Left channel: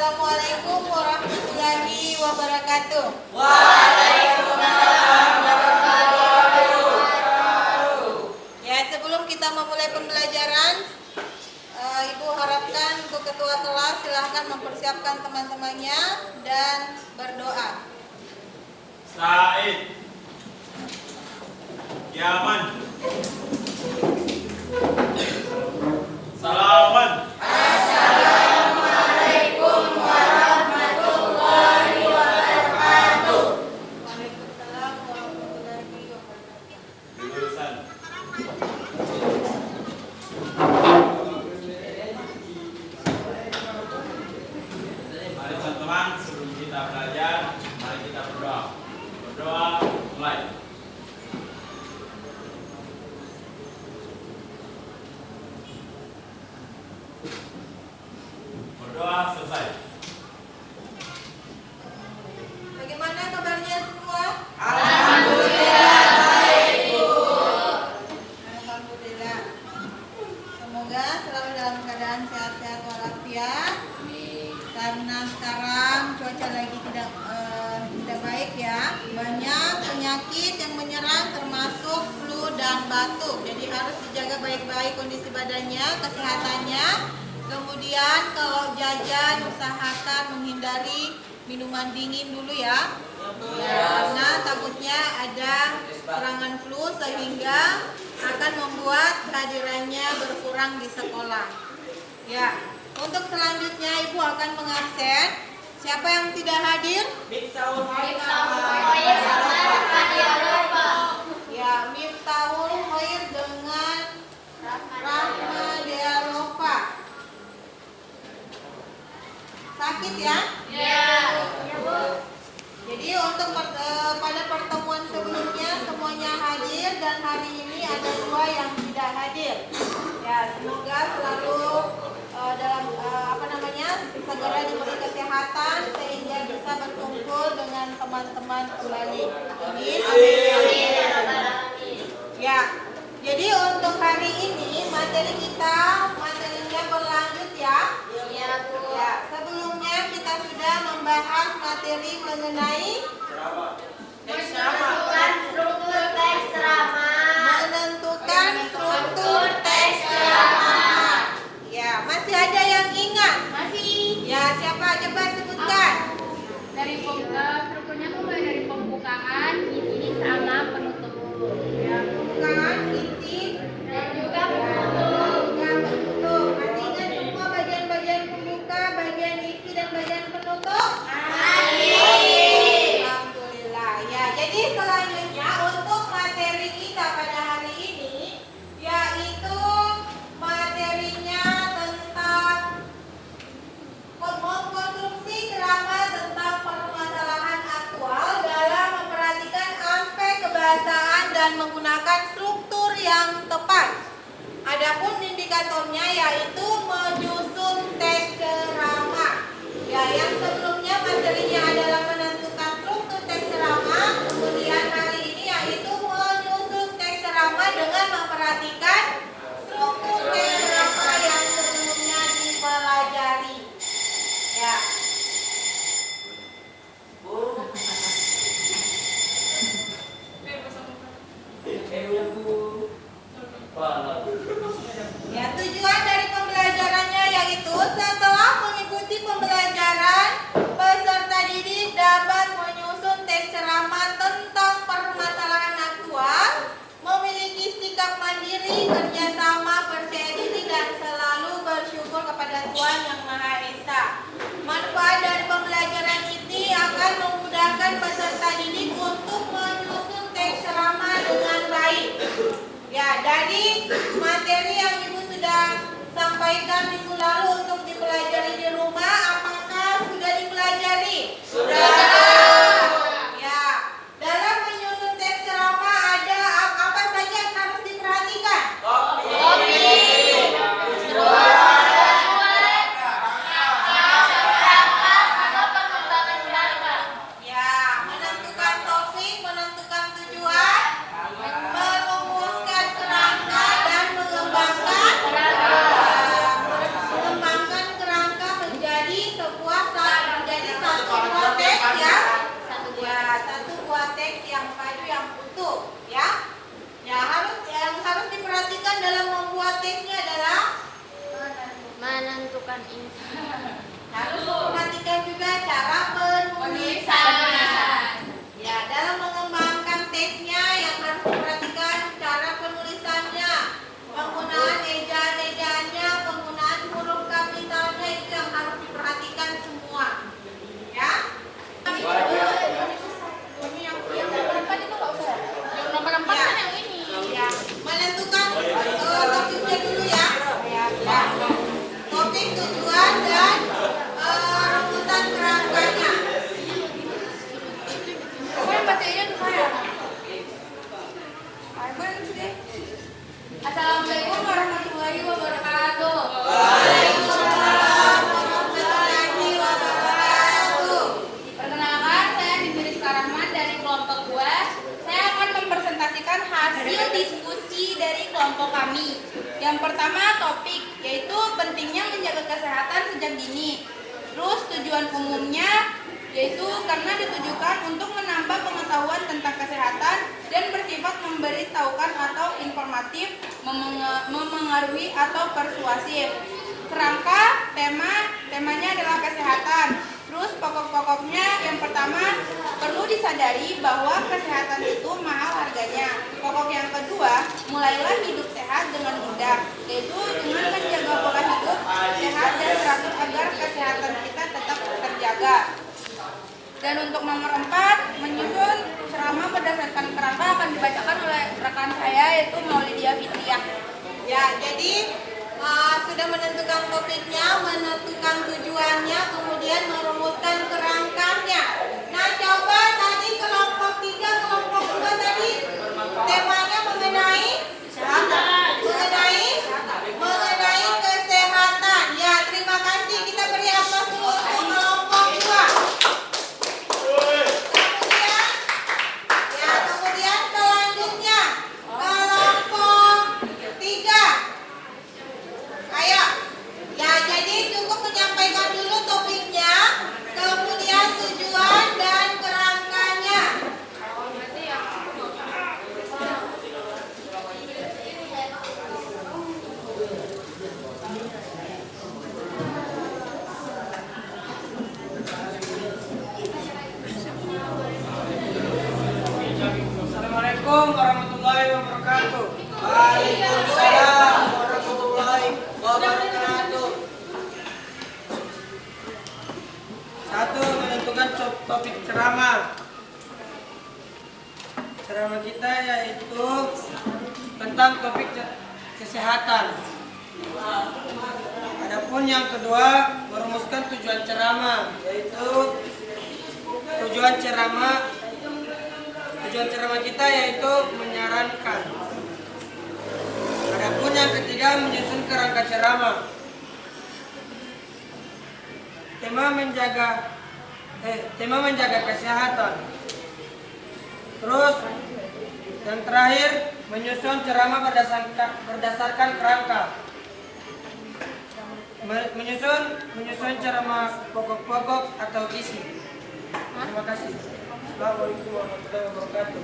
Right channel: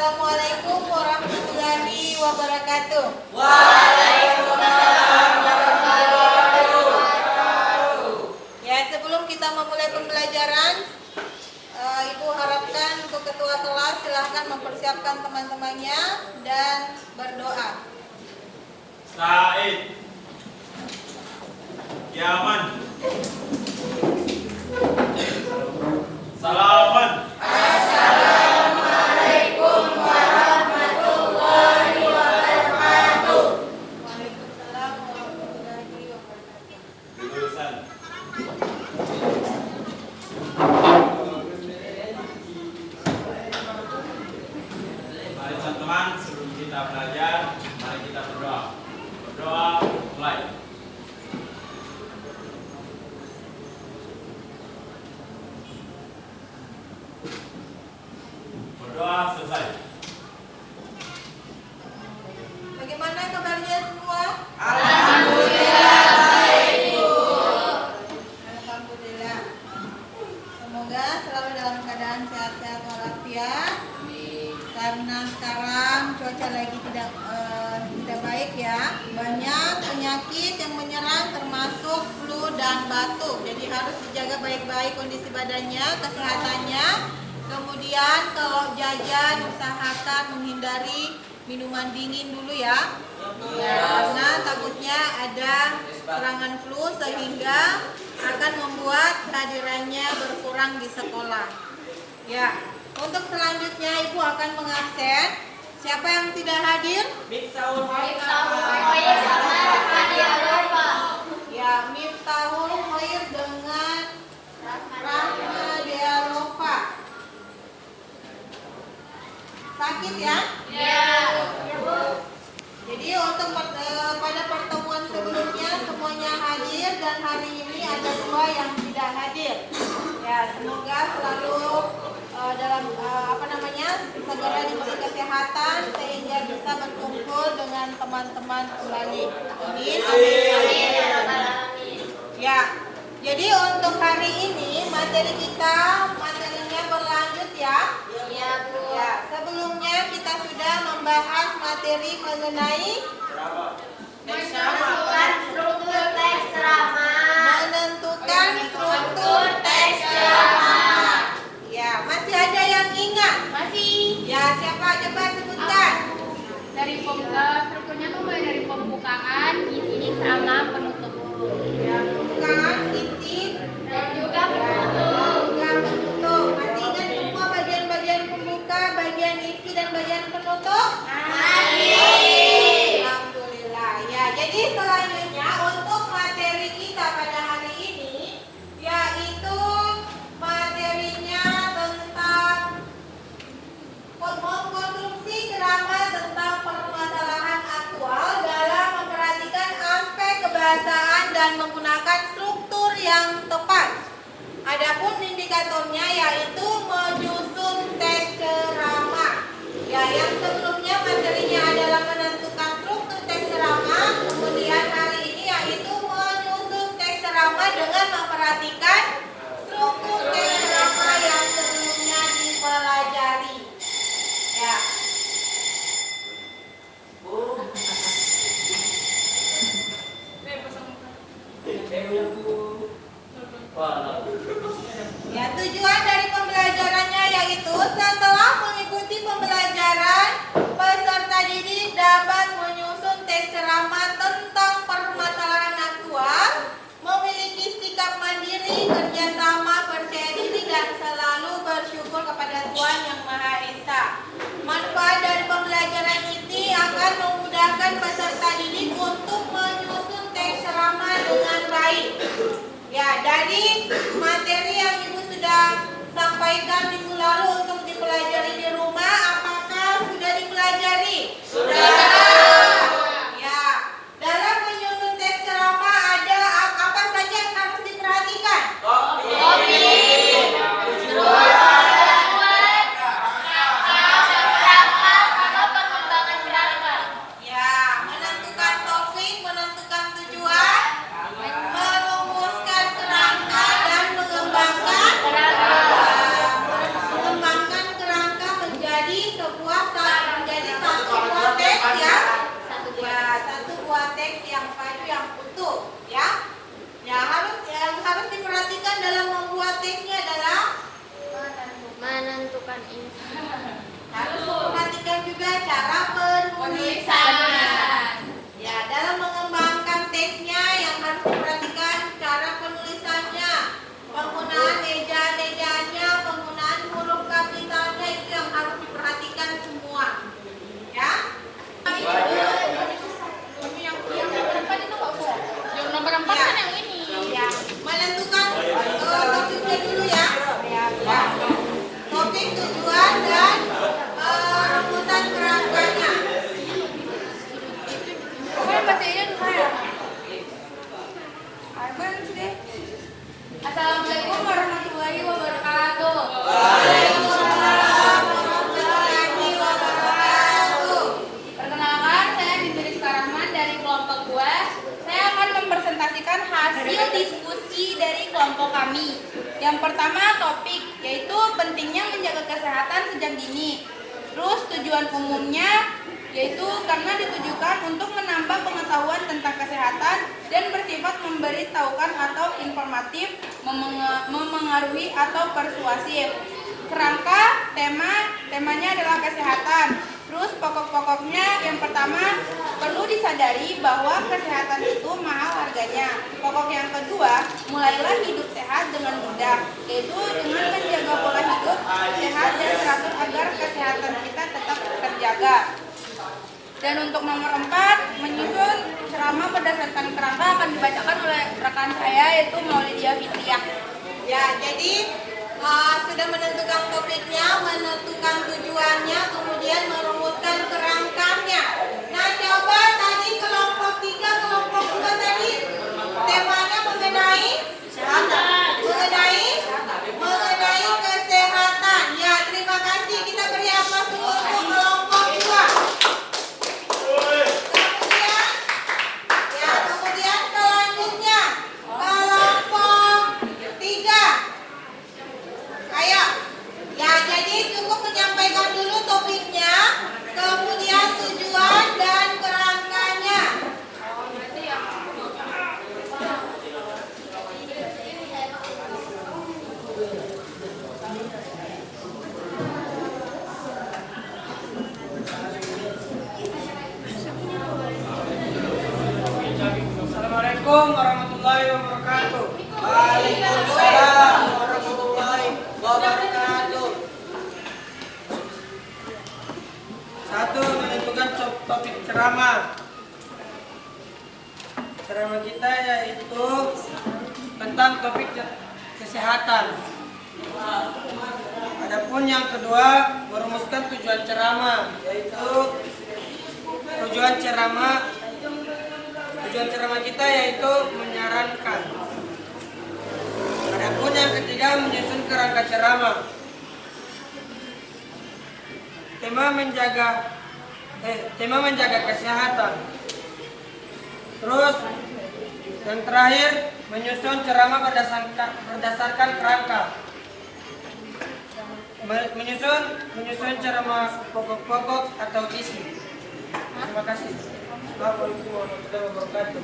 Assalamualaikum warahmatullahi wabarakatuh. Waalaikumsalam warahmatullahi wabarakatuh. Ya, sebelum kita memulai pembelajaran, Ibu harapkan untuk ketua kelas silahkan mempersiapkan teman-temannya dan berdoa. Said, Yaman, Salaman. Assalamualaikum warahmatullahi wabarakatuh. Waalaikumsalam warahmatullahi wabarakatuh. Jurusan. Mari teman-teman, sebelum kita belajar, mari kita berdoa. Berdoa, mulai. Berdoa selesai. Bagaimana kabarnya semua? Alhamdulillah. Semoga selalu dalam keadaan sehat-sehat walafiat. Karena sekarang cuaca lagi tidak baik ya. Banyak penyakit yang menyerang termasuk flu dan batuk. Jadi harus dijaga baik-baik kondisi badannya, kesehatannya. Kemudian kalau jajan usahakan menghindari minuman dingin dulu ya. Karena takutnya ada serangan flu sehingga akan membuat kehadirannya berkurang di sekolah. Ya, untuk selanjutnya Ibu akan mengabsen. Siapa yang tidak hadir? Ya, Miftahul Khair dengan Rahma Dialova. Sakit ya? Jadi untuk pada pertemuan sebelumnya semuanya hadir dan hari ini ada 2 yang tidak hadir. Ya, semoga selalu dalam segera diberi kesehatan sehingga bisa berkumpul dengan teman-teman kembali. Amin. Ya, jadi untuk hari ini materinya berlanjut ya. Ya, sebelumnya kita sudah membahas materi mengenai menentukan struktur teks ceramah. Ya, masih ada yang ingat? Masih. Ya, siapa? Coba sebutkan. Dari strukturnya tuh mulai dari pembukaan, inti, sama penutup. Ya, pembukaan, inti, Dan juga penutup. yang penutup. Masih ingat semua bagian-bagian pembuka, bagian isi, dan bagian penutup? Masih. Alhamdulillah. Ya, jadi selanjutnya untuk materi kita pada hari ini yaitu materinya tentang mengkonsumsi ceramah tentang permasalahan aktual dalam memperhatikan aspek kebahasaan dan menggunakan struktur yang tepat. Adapun indikatornya yaitu menyusun teks ceramah. Ya, yang sebelumnya materinya adalah menentukan struktur teks ceramah, kemudian hari ini yaitu menyusun teks ceramah dengan memperhatikan struktur teks ceramah yang sebelumnya dipelajari. Ya. Ya, tujuan dari pembelajarannya yaitu setelah mengikuti pembelajaran, peserta didik dapat menyusun teks ceramah tentang permasalahan aktual, memiliki sikap mandiri, kerjasama, percaya diri, dan selalu bersyukur kepada Tuhan Yang Maha Esa. Manfaat dari pembelajaran ini akan memudahkan peserta didik untuk menyusun teks ceramah dengan baik. Ya, dari materi yang Ibu sudah sampaikan minggu lalu untuk dipelajari di rumah, apakah sudah dipelajari? Sudah. Ya, dalam menyusun teks ceramah ada apa saja yang harus diperhatikan? Ya, menentukan topik, menentukan tujuan, merumuskan kerangka dan mengembangkan kerangka menjadi juga cara penulisannya. Ya, dalam mengembangkan teksnya yang harus diperhatikan cara penulisannya, penggunaan ejaan-ejaannya, penggunaan huruf kapitalnya itu yang harus diperhatikan semua. Ya. Yang nomor 4 itu nggak usah. Yang nomor 4 kan yang ini. Ya, menentukan topiknya dulu ya. Ya. Topik, tujuan, dan rumusan kerangkanya. Assalamualaikum warahmatullahi wabarakatuh. Waalaikumsalam warahmatullahi wabarakatuh. Perkenalkan, saya Bibir Rahman dari kelompok 2. Saya akan mempresentasikan hasil diskusi dari kelompok kami. Yang pertama topik, yaitu pentingnya menjaga kesehatan sejak dini. Terus tujuan umumnya, yaitu karena ditujukan untuk menambah pengetahuan tentang kesehatan dan bersifat memberitahukan atau informatif, memengaruhi atau persuasif. Kerangka, temanya adalah kesehatan. Terus pokok-pokoknya yang pertama, perlu disadari bahwa kesehatan itu mahal harganya. Pokok yang kedua, mulailah hidup sehat dengan mudah, yaitu dengan menjaga pola hidup sehat dan teratur agar kesehatan kita tetap terjaga. Dan untuk nomor 4, menyusun ceramah berdasarkan kerangka akan dibacakan oleh rekan saya, yaitu Maulidia Fitriah. Ya, jadi sudah menentukan topiknya, menentukan tujuannya, kemudian merumuskan kerangkanya. Nah, coba tadi kelompok 3, kelompok 2 tadi temanya mengenai kesehatan. Ya, terima kasih. Kita beri aplaus dulu untuk kelompok 2. Kemudian selanjutnya kelompok 3. Ayo. Ya, jadi cukup menyampaikan dulu topiknya, kemudian tujuan dan kerangkanya. Assalamualaikum warahmatullahi wabarakatuh. Waalaikumsalam warahmatullahi wabarakatuh. 1. Menentukan topik ceramah. Ceramah kita yaitu tentang topik kesehatan. Adapun yang kedua, merumuskan tujuan ceramah, yaitu tujuan ceramah kita yaitu menyarankan. Adapun yang ketiga, menyusun kerangka ceramah. Tema menjaga kesehatan. Terus yang terakhir, menyusun ceramah berdasarkan kerangka. Menyusun ceramah pokok-pokok atau isi. Terima kasih. Warahmatullahi wabarakatuh.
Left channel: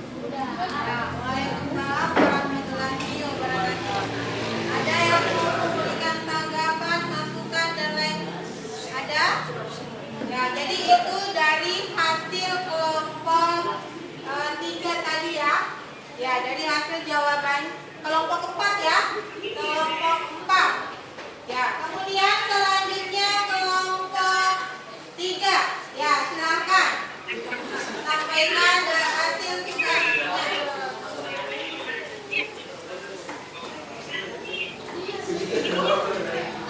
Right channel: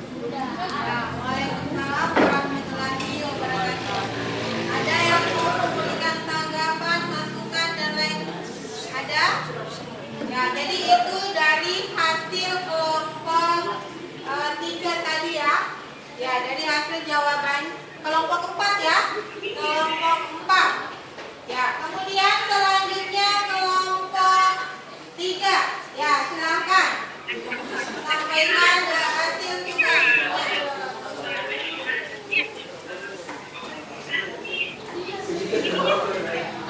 Waalaikumsalam warahmatullahi wabarakatuh. Ada yang mau memberikan tanggapan, masukan dan lain? Ada? Ya, jadi itu dari hasil kelompok 3 tadi ya. Ya, dari hasil jawaban kelompok 4 ya. Kelompok 4. Ya, kemudian selanjutnya kelompok 3. Ya, silakan. Sampaikan hasil tugasnya.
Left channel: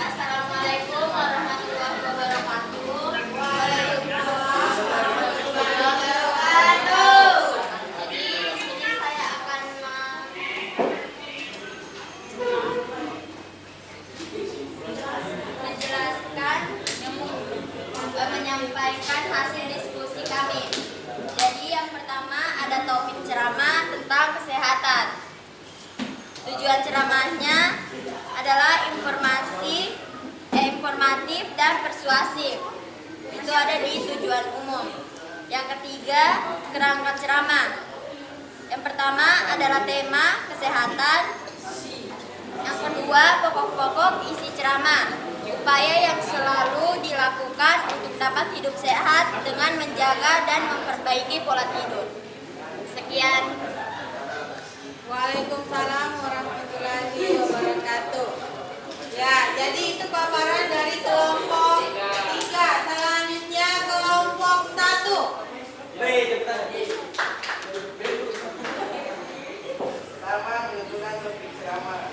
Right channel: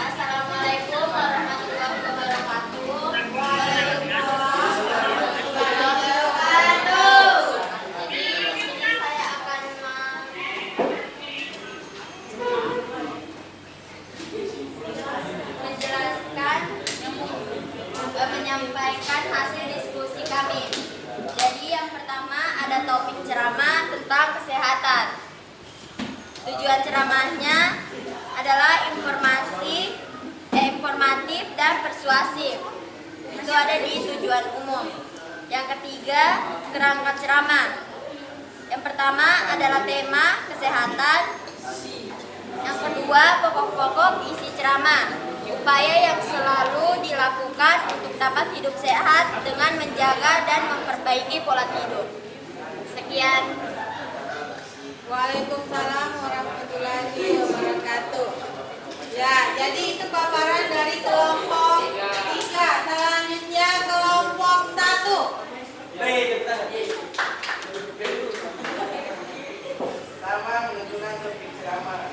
Assalamualaikum warahmatullahi wabarakatuh. Waalaikumsalam warahmatullahi Wabarakatuh. Jadi di sini saya akan menyampaikan hasil diskusi kami. Jadi yang pertama ada topik ceramah tentang kesehatan. Tujuan ceramahnya adalah informatif dan persuasif. Itu ada di tujuan umum. Yang ketiga, kerangka ceramah. Yang pertama adalah tema kesehatan. Yang kedua, pokok-pokok isi ceramah. Upaya yang selalu dilakukan untuk dapat hidup sehat dengan menjaga dan memperbaiki pola tidur. Sekian. Waalaikumsalam warahmatullahi wabarakatuh. Ya, jadi itu paparan dari kelompok 3. Selanjutnya kelompok 1. Pertama, menggunakan topik ceramah.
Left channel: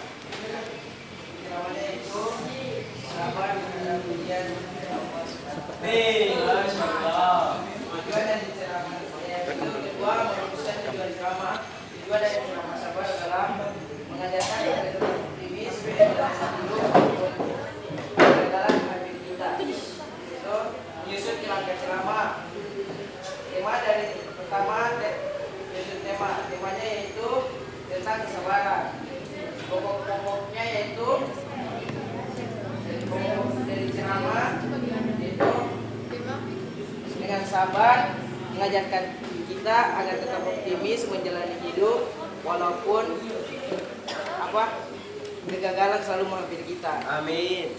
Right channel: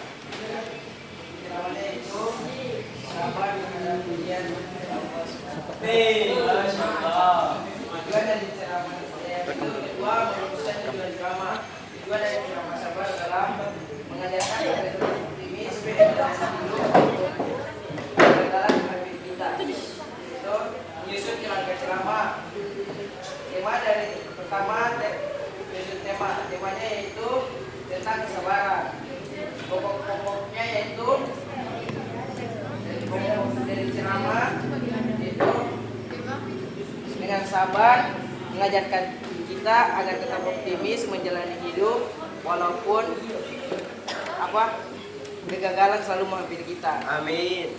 Ceramahnya itu sabar menghadapi ujian. Masya Allah. Tujuan dari ceramah itu kedua, merumuskan tujuan ceramah. Tujuan dari ceramah sabar adalah mengajarkan agar tetap optimis dalam hidup kita. Itu menyusun kerangka ceramah. Tema dari pertama, menyusun temanya yaitu tentang kesabaran. Pokok-pokoknya yaitu pokok dari ceramah itu dengan sabar mengajarkan kita agar tetap optimis menjalani hidup walaupun kegagalan selalu menghampiri kita. Amin.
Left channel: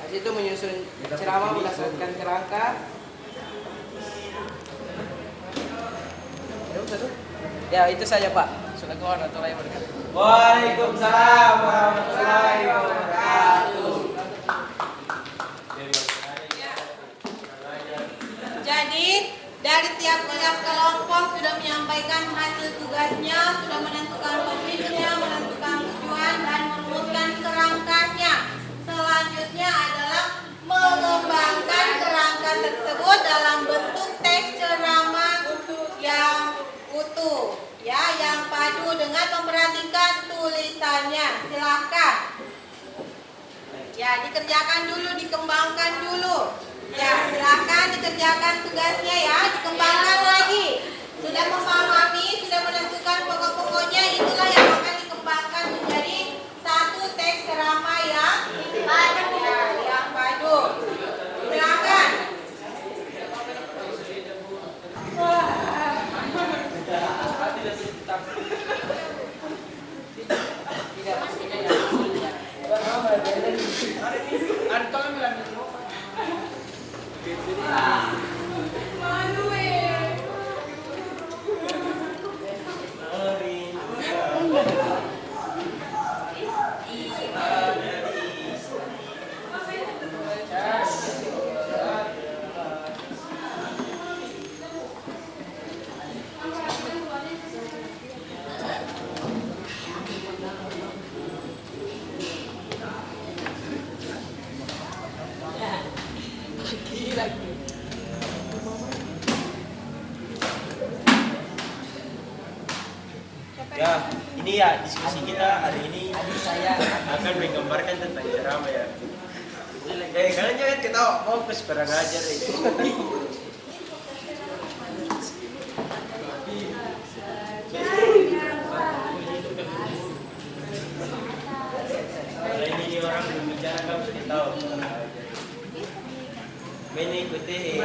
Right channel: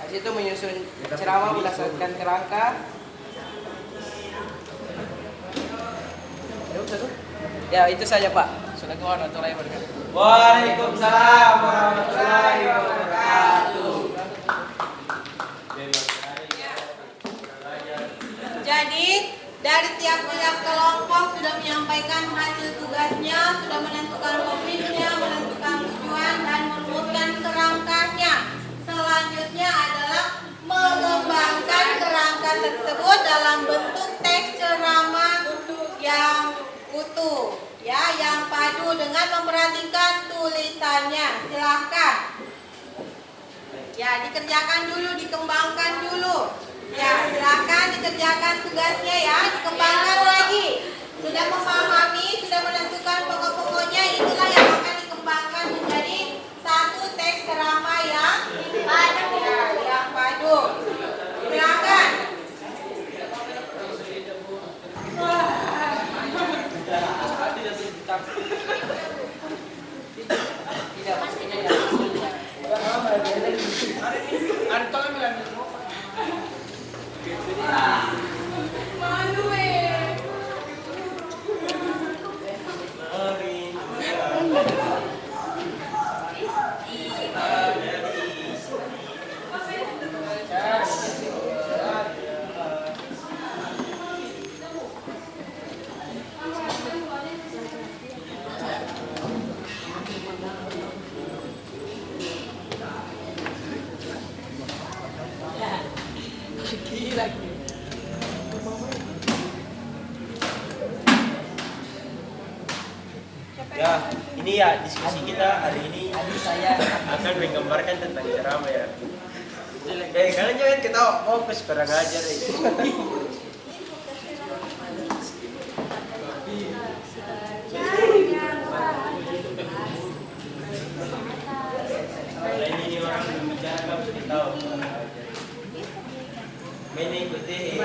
Habis itu menyusun ceramah berdasarkan kerangka. Ya itu saja Pak. Assalamualaikum warahmatullahi wabarakatuh. Waalaikumsalam warahmatullahi wabarakatuh. Jadi dari tiap-tiap kelompok sudah menyampaikan hasil tugasnya, sudah menentukan topiknya, menentukan tujuan dan merumuskan kerangkanya. Selanjutnya adalah mengembangkan kerangka tersebut dalam bentuk teks ceramah yang utuh, ya, yang padu dengan memperhatikan tulisannya. Silahkan. Ya, dikerjakan dulu, dikembangkan dulu. Ya, silakan dikerjakan tugasnya ya, dikembangkan lagi. Sudah memahami, sudah menentukan pokok-pokoknya, itulah yang akan dikembangkan menjadi satu teks ceramah yang padu. Ya, yang padu. Silakan. Ya, ini ya diskusi kita hari ini akan menggambarkan tentang ceramah ya. Kalian jangan ketawa, fokus kurang ajar itu. Ini orang berbicara ketawa. Mengikuti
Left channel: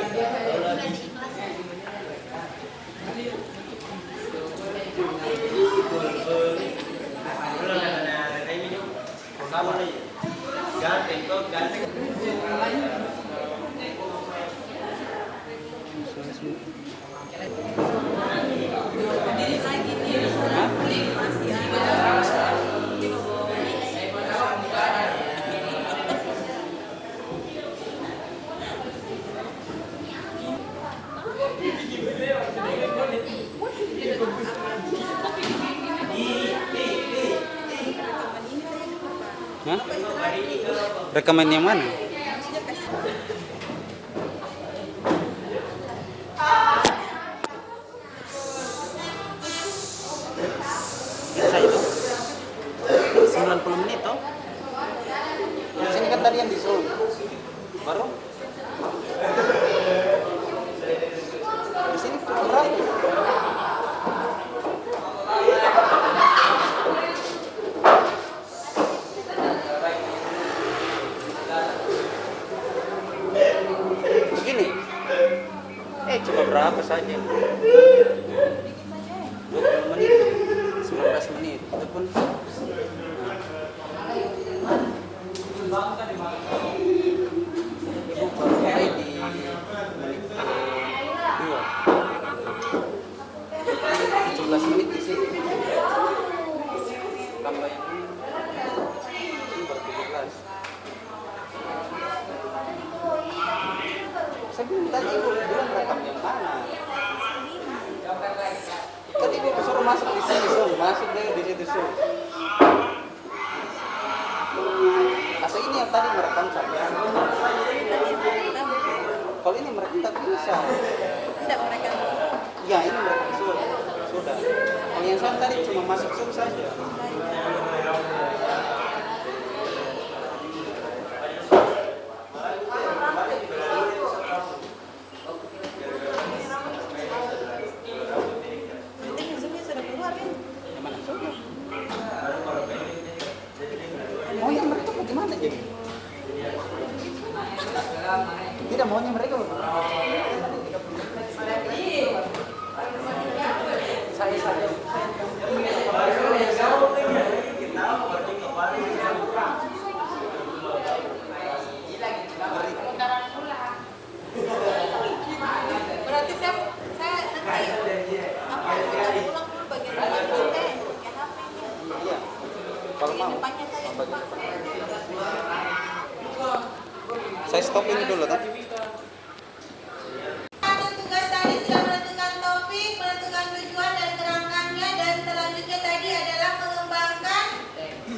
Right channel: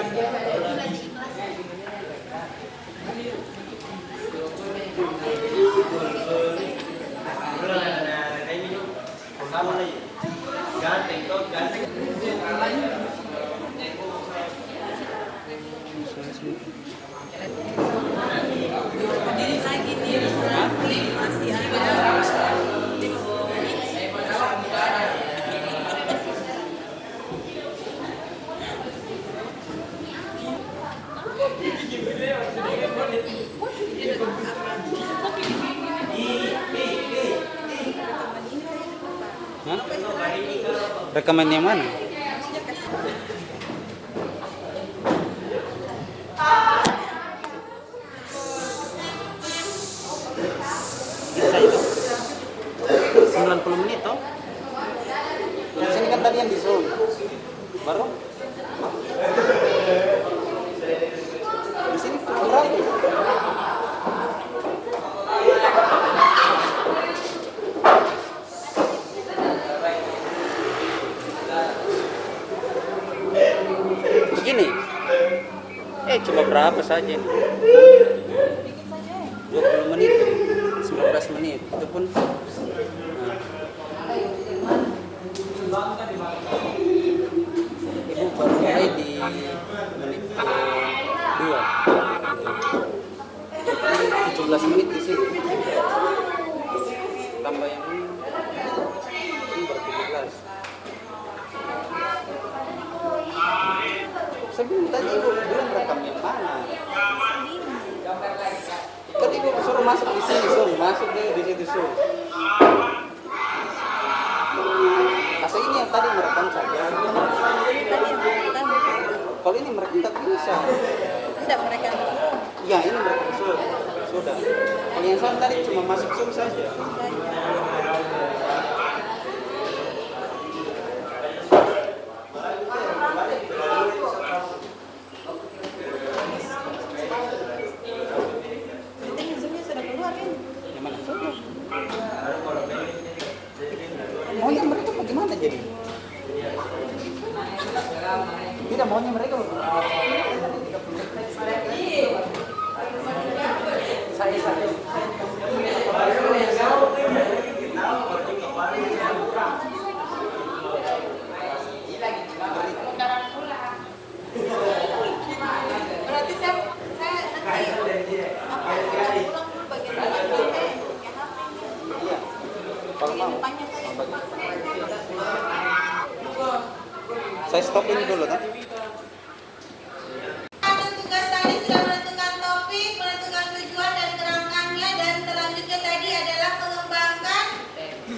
Rekaman yang mana? Bisa itu 90 menit toh. Sini kan tadi yang di Zoom. Baru di sini kurang. Begini. Cuma berapa saja? 20 menit, 19 menit. Itu pun Ibu baru mulai di menit kedua. Ini 17 menit di sini. Tambah yang ini baru 17. Saya bilang tadi ibu bilang rekam yang mana? Kan ibu suruh masuk di sini, masuk deh di situ so. Masa ini yang tadi merekam saja. Kalau ini merekam tak bisa. Tidak mereka. Ya ini merekam sudah. Kalau yang soal tadi cuma masuk saja. Sudah keluar kan? Yang mana sudah? Maunya mereka bagaimana jadi? Tidak maunya mereka Berarti saya kalau mau. Saya stop ini dulu kan? tugas tadi sudah menentukan topik, menentukan tujuan dan kerangkanya, dan selanjutnya tadi adalah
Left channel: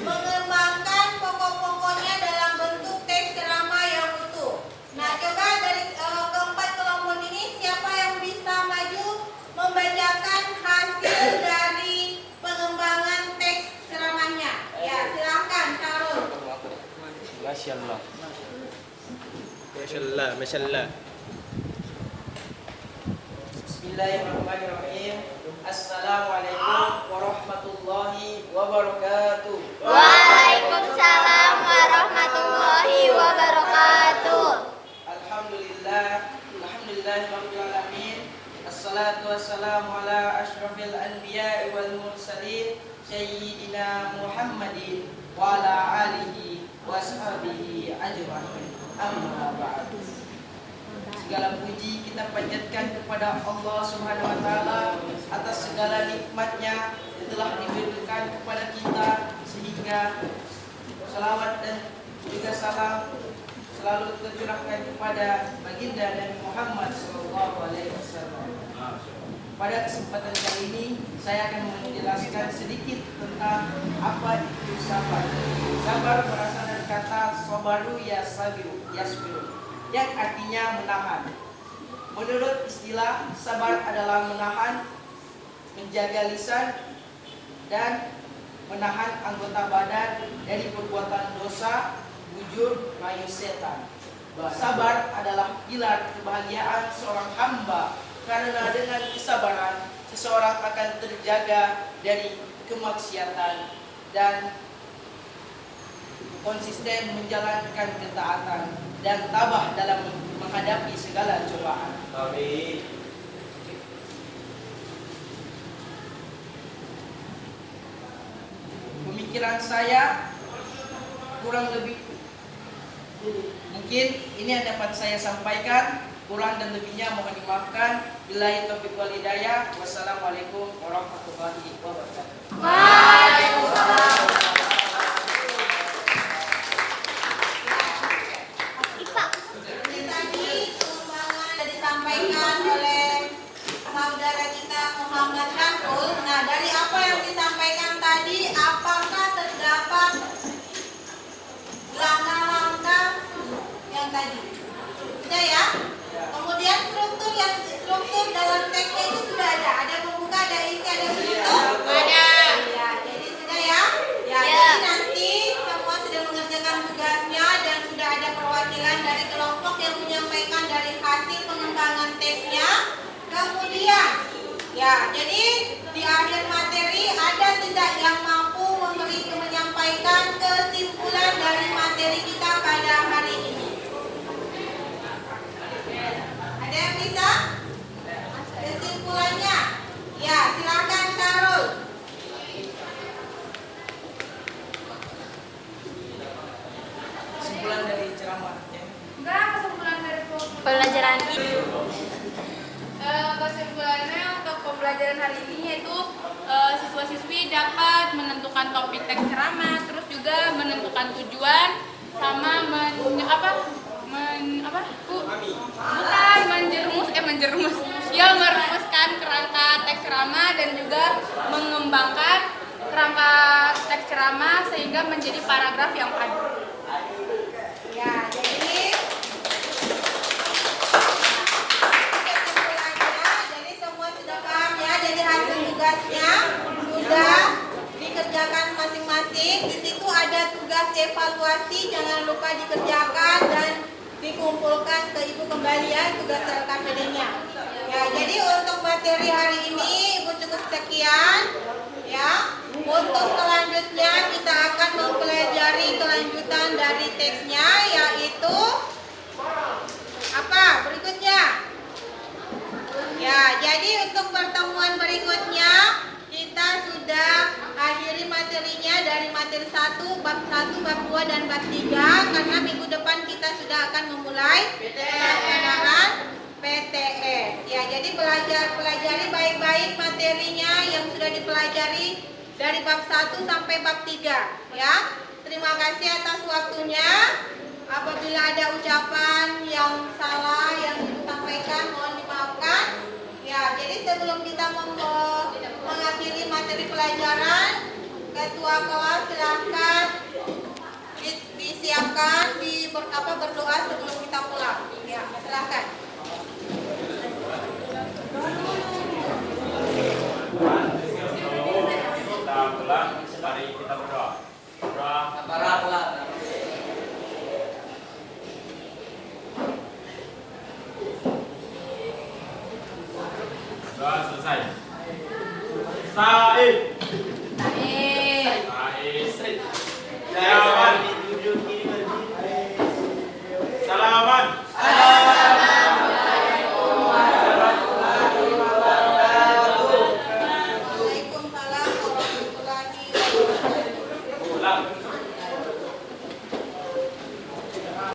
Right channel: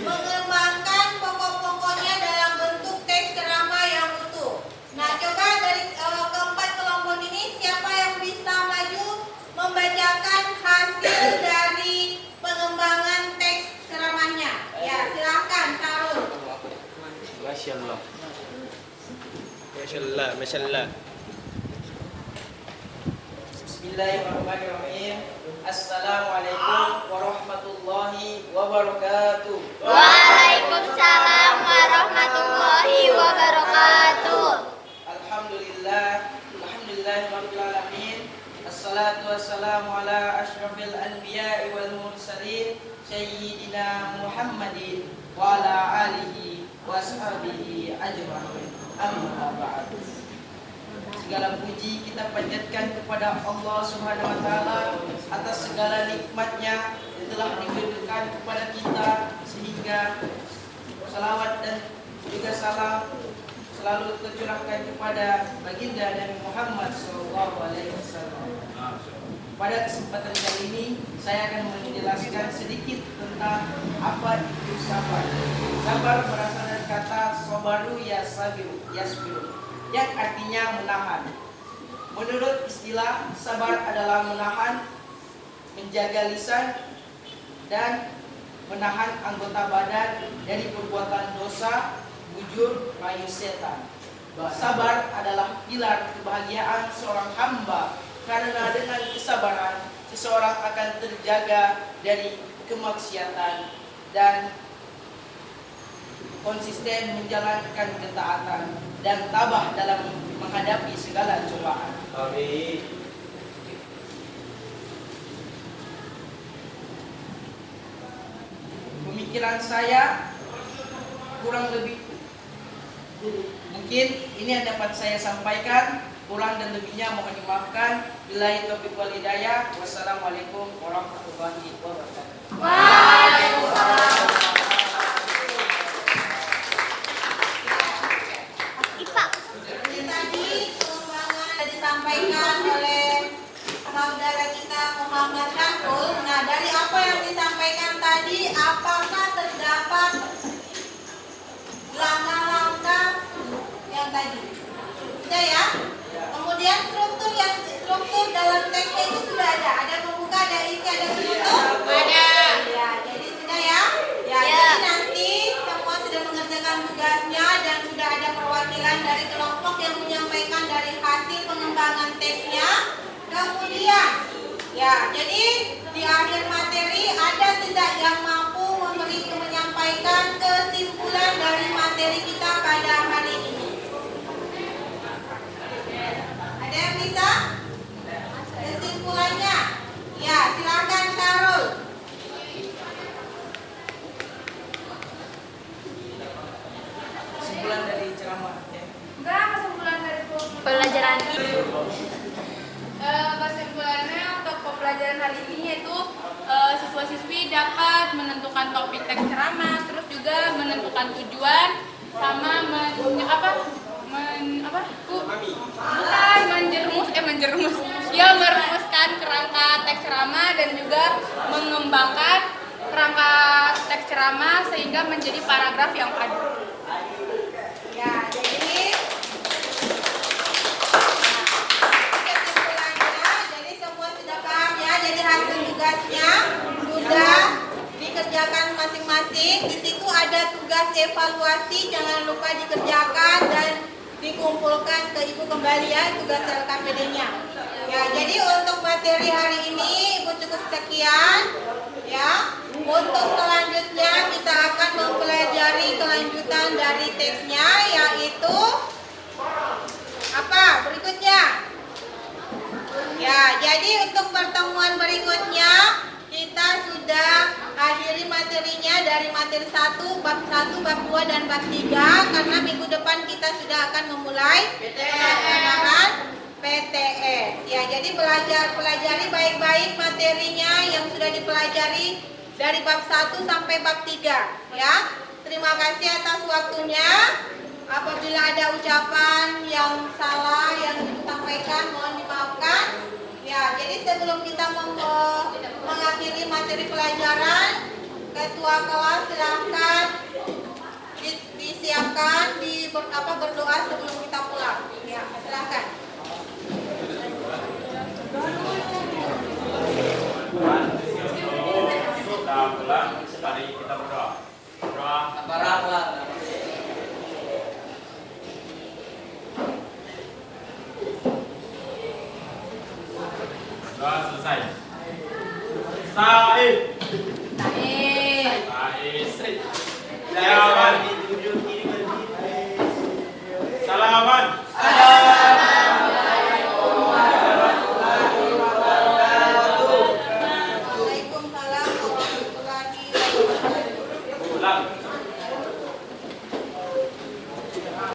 mengembangkan pokok-pokoknya dalam bentuk teks ceramah yang utuh. Nah, coba dari keempat kelompok ini siapa yang bisa maju membacakan hasil dari pengembangan teks ceramahnya? Ya, silakan Syarul. Masyaallah. Masyaallah. Bismillahirrahmanirrahim. Assalamualaikum warahmatullahi wabarakatuh. Waalaikumsalam warahmatullahi wabarakatuh. Alhamdulillahirabbil alamin. Assalatu wassalamu ala asyrafil anbiya'i wal mursalin sayyidina Muhammadin wa ala alihi wa ashabihi ajma'in. Amma ba'd. Segala puji kita panjatkan kepada Allah Subhanahu wa taala atas segala nikmatnya yang telah diberikan kepada kita, sehingga salawat dan juga salam selalu tercurahkan kepada baginda Nabi Muhammad SAW. Pada kesempatan kali ini saya akan menjelaskan sedikit tentang apa itu sabar. Sabar berasal dari kata sabaru yasbiru, yang artinya menahan. Menurut istilah, sabar adalah menahan, menjaga lisan, dan menahan anggota badan dari perbuatan dosa, bujur, mayu setan. Sabar adalah pilar kebahagiaan seorang hamba, karena dengan kesabaran seseorang akan terjaga dari kemaksiatan dan konsisten menjalankan ketaatan dan tabah dalam menghadapi segala cobaan. Pemikiran saya kurang lebih mungkin ini yang dapat saya sampaikan. Kurang dan lebihnya mohon dimaafkan. Billahi taufiq wal hidayah. Wassalamualaikum warahmatullahi wabarakatuh. Waalaikumsalam. Disampaikan oleh saudara kita Muhammad Syarul. Nah, dari apa yang disampaikan tadi, apakah terdapat langkah-langkah yang tadi? Sudah ya? Kemudian struktur dalam teksnya itu sudah ada. Ada pembuka, ada isi, ada penutup. Ada. Ya, jadi sudah ya? Ya, jadi nanti semua sudah mengerjakan tugasnya dan sudah ada perwakilan dari kelompok yang menyampaikan dari hasil pengembangan teksnya. Kemudian, ya, jadi di akhir materi ada tidak yang mampu menyampaikan kesimpulan dari materi kita pada hari ini? Ada yang bisa? Kesimpulannya? Ya, silakan Syarul. Kesimpulan dari ceramah ya. Kesimpulan pembelajaran ini. Kesimpulannya untuk pembelajaran hari ini yaitu siswa-siswi dapat menentukan topik teks ceramah, terus juga menentukan tujuan, sama merumuskan kerangka teks ceramah dan juga mengembangkan kerangka teks ceramah sehingga menjadi paragraf yang padu. Ya, jadi kesimpulannya, jadi semua sudah paham ya. Jadi hasil tugasnya sudah dikerjakan masing-masing. Di situ ada tugas evaluasi, jangan lupa dikerjakan dan dikumpulkan ke ibu kembali ya tugas LKPD-nya. Ya, jadi untuk materi hari ini ibu cukup sekian ya. Untuk selanjutnya kita akan mempelajari kelanjutan dari teksnya, yaitu apa berikutnya. Ya, jadi untuk pertemuan berikutnya kita sudah akhiri materinya dari materi 1, bab 1, bab 2, dan bab 3, karena minggu depan kita sudah akan memulai pelaksanaan PTS. Ya, jadi pelajari baik-baik materinya yang sudah dipelajari dari bab 1 sampai bab 3 ya. Terima kasih atas waktunya. Apabila ada ucapan yang salah yang disampaikan mohon dimaafkan. Ya, jadi sebelum kita mengakhiri materi pelajaran, ketua kelas silahkan disiapkan berdoa sebelum kita pulang. Ya, silahkan. Mari kita berdoa. Doa selesai. Said. Saya akan ditunjuk ini